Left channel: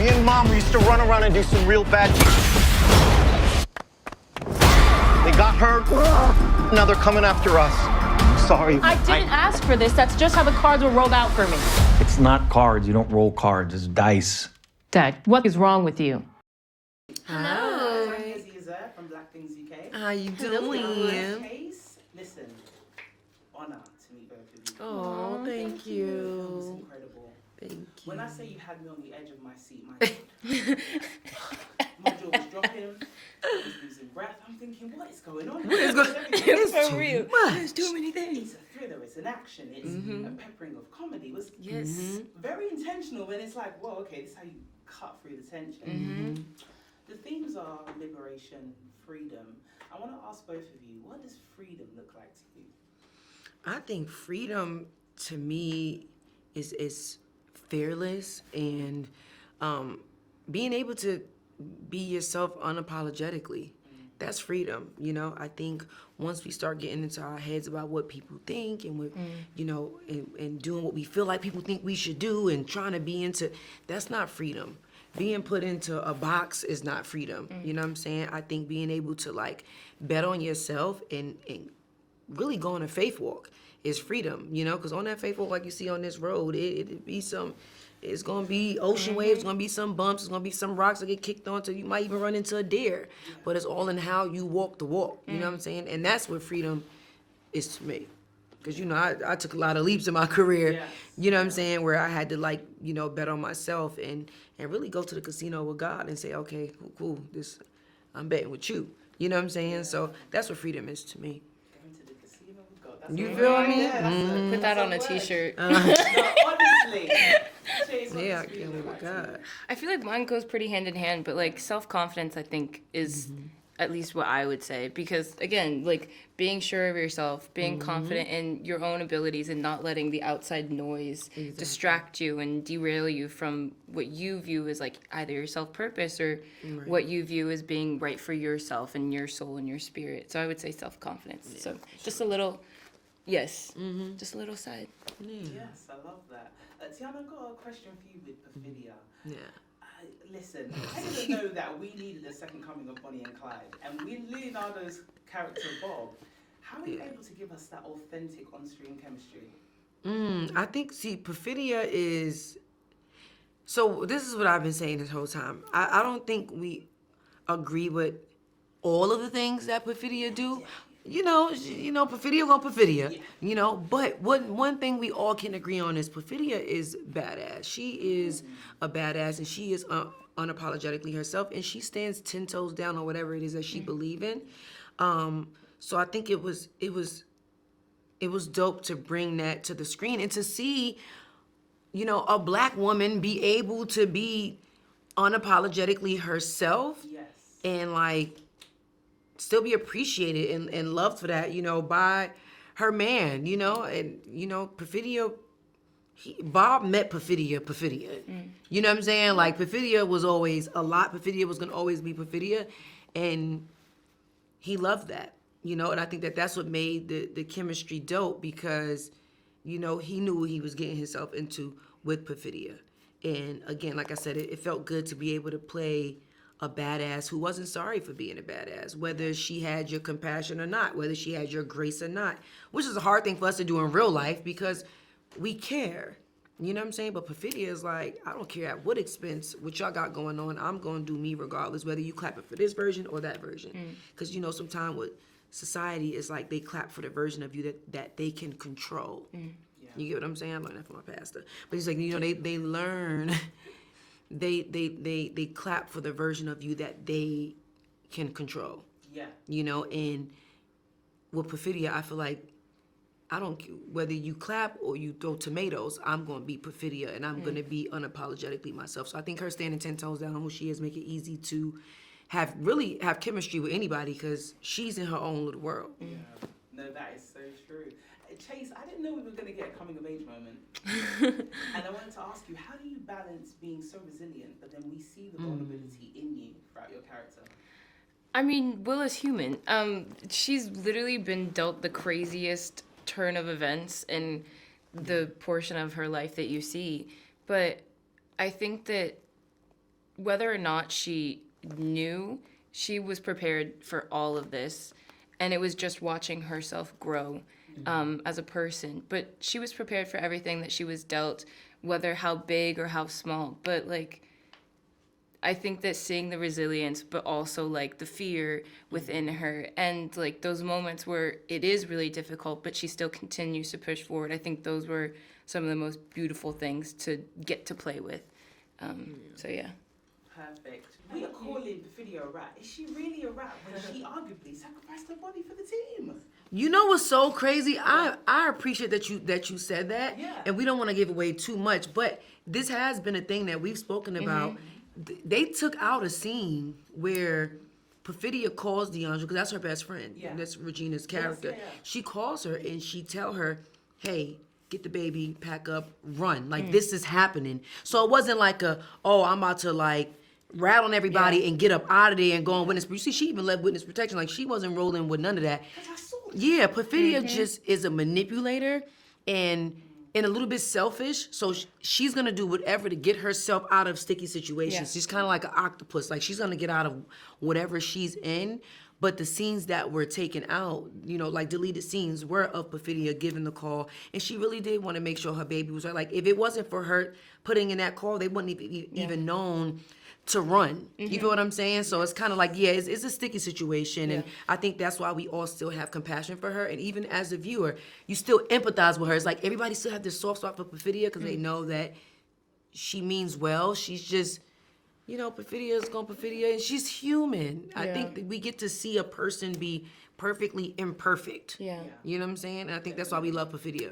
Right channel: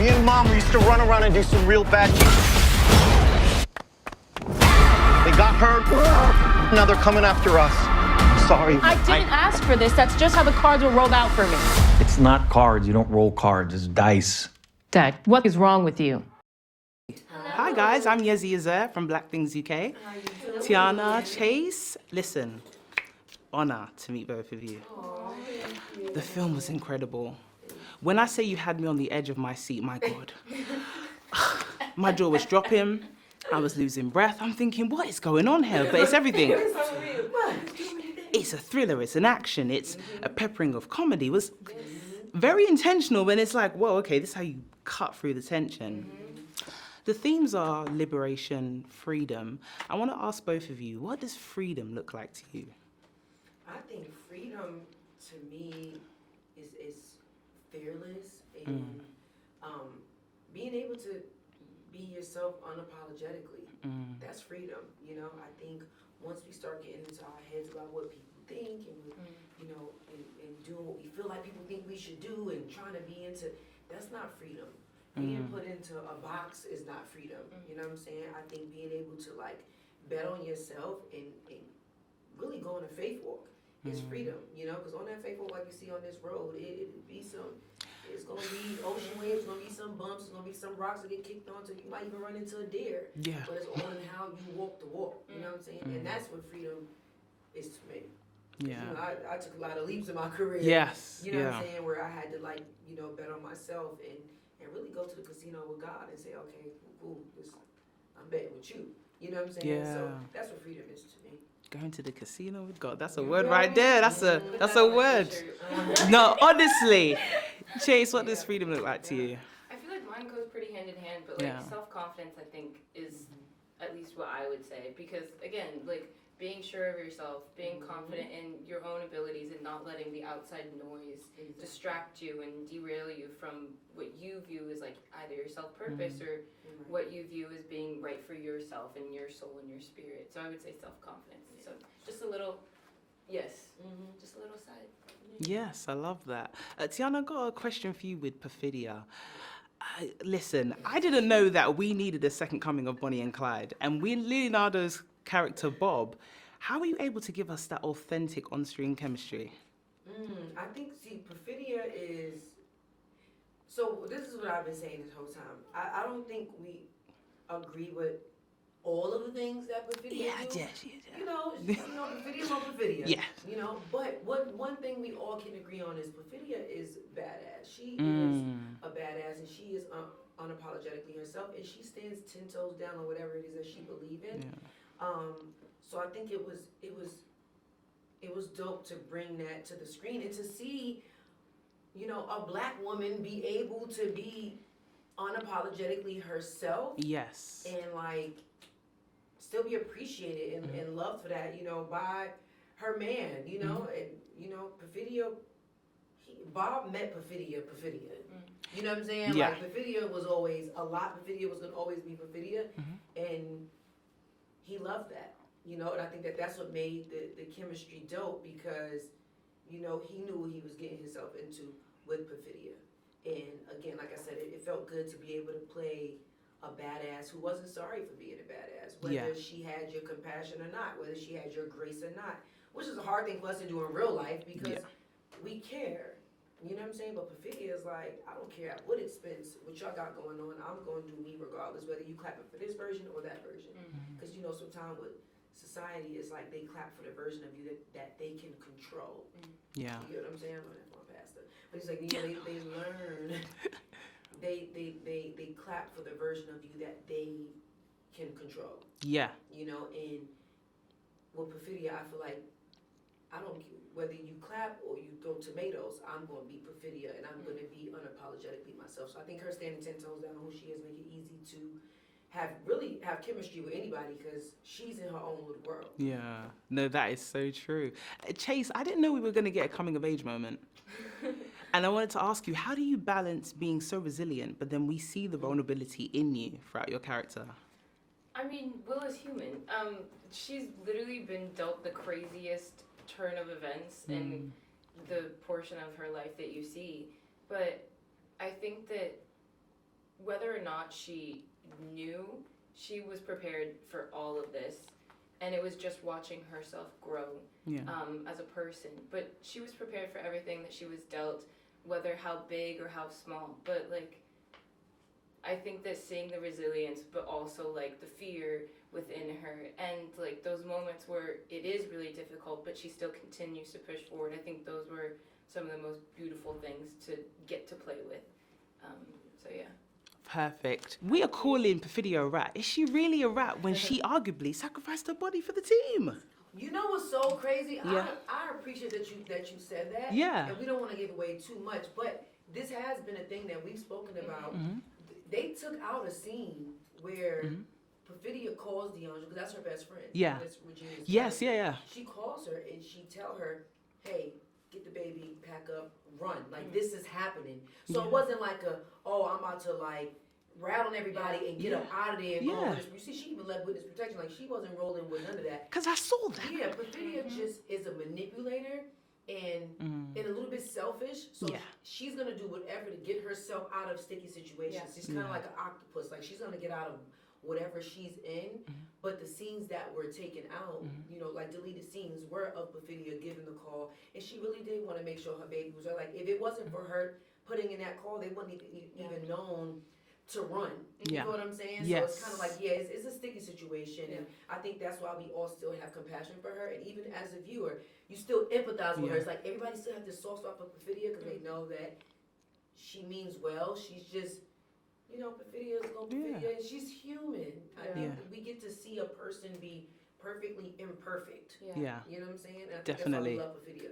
Me and Mom used to run around and do some real bad shit. They got hurt. Now they're coming after us. I'm sorry. I didn't ask for this. That's just how the cards were rolled out for me. It's not cards. You don't roll cards. It's dice. Dad, what is wrong with you? Hi guys, I'm Yezi Azer from Black Things UK. How you doing? Teyana Chase. Listen, honor to meet both of you. Oh, thank you. The film was incredible. When I say you had me on the edge of my seat, my God. My jaw was dropping. I was losing breath. I'm thinking, what is going on here? So it's everything. It's for real. There's too many things. It's a thriller, it's an action, it's a peppering of comedy. It was very intentional when it's like, whoa, okay, this is how you cut through the tension. The themes are liberation, freedom. I want to ask both of you, what does freedom look like to you? I think freedom to me is fearless and being able to be yourself unapologetically. That's freedom. You know, I think once we start getting into our heads about what people think and what, you know, and doing what we feel like people think we should do and trying to be into, that's not freedom. Being put into a box is not freedom. You know what I'm saying? I think being able to like bet on yourself and really go on a faith walk is freedom, you know, because on that faith walk, like you see on this road, it'd be some, it's gonna be ocean waves, it's gonna be some bumps, it's gonna be some rocks that get kicked onto, you might even run into a deer, but it's all in how you walk the walk, you know what I'm saying? And that's what freedom is to me. Because, you know, I took a lot of leaps in my career, you know what I'm saying, where I had to like, you know, bet on myself and really go to the casino with God and say, okay, cool, I'm betting with you. You know what I'm saying? So that's what freedom is to me. Going to the casino with God. That's You a word feel right me? there. That's a word. T-shirt. No, honestly. Chase, what Yeah, does freedom look like to you? I feel like mine goes pretty hand in hand, but like self-confidence, I think, is at least what I would say. Because again, like being sure of yourself, being confident in your own abilities and not letting the outside noise distract you and derail you from what you view as like either your self-purpose or what you view as being right for yourself and your soul and your spirit. So I would say self-confidence. So just a little, just a little side. Yes, I love that. Teyana, I've got a question for you with Perfidia. Listen, I didn't know that we needed a second coming of Bonnie and Clyde. And with Leonardo's character, Bob, how were you able to give us that authentic on-screen chemistry? I think, see, Perfidia is, so this is what I've been saying this whole time. I don't think we agree with all of the things that Perfidia do. You know, Perfidia won't Perfidia. Yeah. You know, but one thing we all can agree on is Perfidia is badass. She is a badass, and she is unapologetically herself, and she stands 10 toes down on whatever it is that she believes in. So I think it was dope to bring that to the screen and to see, you know, a black woman be able to be unapologetically herself. Yes. And like still be appreciated and loved for that, you know, by her man, you know, and, you know, Perfidia, Bob met Perfidia. You know what I'm saying? Yeah. Like, Perfidia was always a lot. Perfidia was going to always be Perfidia, and he loved that, you know, and I think that that's what made the chemistry dope because, you know, he knew what he was getting himself into with Perfidia. And again, like I said, it felt good to be able to play a badass who wasn't sorry for being a badass, whether she had your compassion or not, whether she had your grace or not, which is a hard thing for us to do in real life because we care. You know what I'm saying? But Perfidia is like, I don't care at what expense, what y'all got going on, I'm going to do me regardless, whether you clapping for this version or that version. Because, you know, sometimes with society, it's like they clap for the version of you that they can control. Yeah. You get what I'm saying? I'm learning that from my pastor. But it's like, you know, they learn... They clap for the version of you that they can control. Yeah. You know, and with Perfidia, I feel like whether you clap or you throw tomatoes, I'm going to be Perfidia and I'm going to be unapologetically myself. So I think her standing 10 toes down on who she is make it easy to have chemistry with anybody because she's in her own little world. Yeah, no, that is so true. Chase, I didn't know we were going to get a coming of age moment. And I wanted to ask you, how do you balance being so resilient, but then we see the vulnerability in you throughout your character? I mean, Will is human. She's literally been dealt the craziest turn of events in the portion of her life that you see. But I think that whether or not she knew, she was prepared for all of this. And it was just watching herself grow as a person. But she was prepared for everything that she was dealt, whether how big or how small. But, like, I think that seeing the resilience, but also, like, the fear within her and, like, those moments where it is really difficult, but she still continues to push forward. I think those were some of the most beautiful things to get to play with. So, yeah. Perfect. We are calling Perfidia a rat. Is she really a rat when she arguably sacrificed her body for the team? You know what's so crazy? Yeah. I appreciate that you said that. Yeah. And we don't want to give away too much, but this has been a thing that we've spoken about. They took out a scene where Perfidia calls Deandra, because that's her best friend. Yeah. That's Regina's character. Yes, yeah. She calls her and she tell her, hey, get the baby, pack up, run. Like, this is happening. So it wasn't like I'm about to, like, rat on everybody and get up out of there and go on witness. You see, she even left witness protection. Like, she wasn't rolling with none of that. Because I saw that. Yeah, Perfidia just is a manipulator and a little bit selfish. So she's going to do whatever to get herself out of sticky situations. Yeah. She's kind of like an octopus. Like, she's going to get out of whatever she's in. But the scenes that were taken out, you know, like deleted scenes, were of Perfidia giving the call. And she really did want to make sure her baby was right. Like, if it wasn't for her putting in that call, they wouldn't even known to run. You feel what I'm saying? So it's kind of like, it's a sticky situation. And I think that's why we all still have compassion for her. And even as a viewer, you still empathize with her. It's like everybody still have this soft spot for Perfidia because they know that she means well. She's just, you know, Perfidia is going to Perfidia, and she's human. I think that we get to see a person be perfectly imperfect. Yeah. You know what I'm saying? And I think that's why we love Perfidia.